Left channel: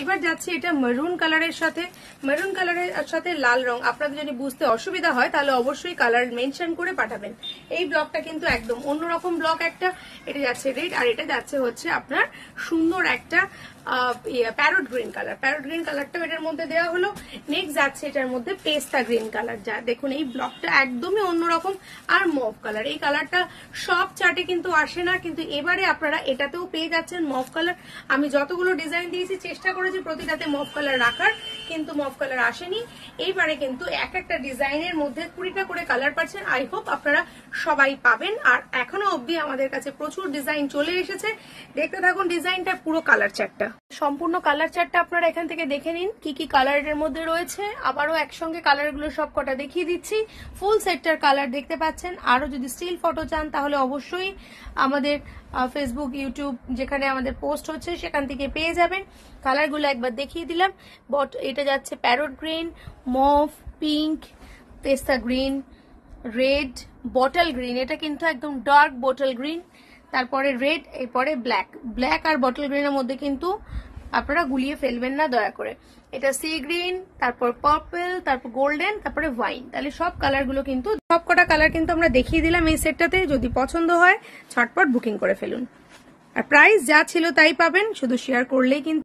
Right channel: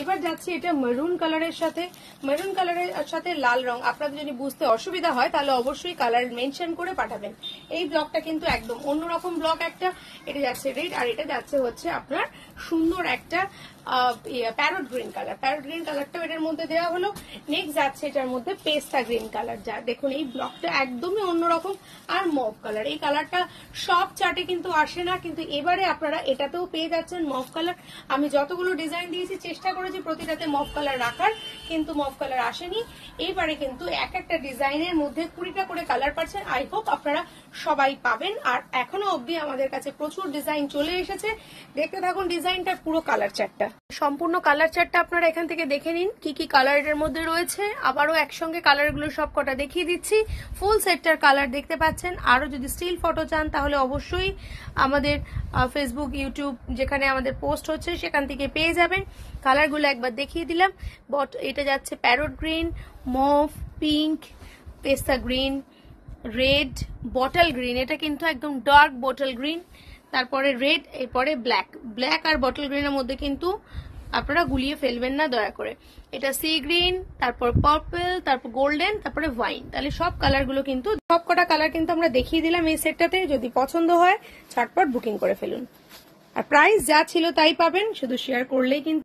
এবার যাচ্ছে এটা মেরুন কালারের সাথে, মেরুন কালারের সাথে লাল রং। আপনাদের যদি বুঝতে অসুবিধা হয় তাহলে অবশ্যই কালার মেনশন করে পাঠাবেন। এই ব্লকটা কিন্তু একদম অন্যরকম ব্লক একটা। এটা যাচ্ছে রেড, আর এটা যাচ্ছে হচ্ছে আপনার সুন্দর একটা parrot green colour. Parrot green কালারটাও এটার মধ্যে দেওয়া হলো। নেক্সট যাচ্ছে এটার মধ্যে পেস্তা গ্রিন কালার। যা দেখুন এই ব্লকটা একদমই অন্যরকম। আর মভ কালার, এই কালারটা সব চার্টে কিন্তু আসে না, কিন্তু এবারে আপনারা এটাতেও পেয়ে যাচ্ছেন মভ কালার। আমি যতগুলো ডিজাইন দিয়েছি চেষ্টা করেছি প্রতিটাতে মভ কালার রাখার, কিন্তু মভ কালার আসেনি। এইবারে কিন্তু এক একটা ডিজাইনের মধ্যে 20টা করে কালার পাচ্ছেন। আই হোপ আপনারা সবাই পাবেন। আর এখনো অবধি আমাদের কাছে প্রচুর ডিজাইন চলে এসেছে। দেখতে থাকুন ডিজাইনটা, পুরো কালার চার্টটা, সম্পূর্ণ কালার চার্টটা আপনারা এখান থেকে দেখে নিন কি কি কালার এর মধ্যে রয়েছে। আবারও একসঙ্গে কালারগুলো সব কটা দেখিয়ে দিচ্ছি। ফুল সেটটার কালার দেখতে পাচ্ছেন। আরো যদি স্টিল ফটো চান তাহলে অবশ্যই আমাদের ফেসবুক, ইউটিউব যেখানে আমাদের পোস্ট হচ্ছে সেখান থেকে পেয়ে যাবেন। কালারগুলো একবার দেখিয়ে দিলাম। এটা যাচ্ছে প্যারট গ্রিন, মভ, পিঙ্ক, পেস্তা গ্রিন, রেড, বটল গ্রিন। এটা কিন্তু একদম ডার্ক বটল গ্রিন। তারপরে রেড, এরপরে ব্ল্যাক। ব্ল্যাক আর বটল গ্রিনের মধ্যে কিন্তু আপনারা গুলিয়ে ফেলবেন না দয়া করে। এটা সি গ্রিন, তারপর পার্পল, তারপর গোল্ডেন, তারপরে ওয়াইন। তাহলে সব কালারগুলো কিন্তু, সবকটা কালার কিন্তু আমরা দেখিয়ে দিলাম এই সেটটাতে। যদি পছন্দ হয় ঝটপট বুকিং করে ফেলুন। আর প্রাইস যা ছিল তাই পাবেন, শুধু শেয়ার করলেই কিন্তু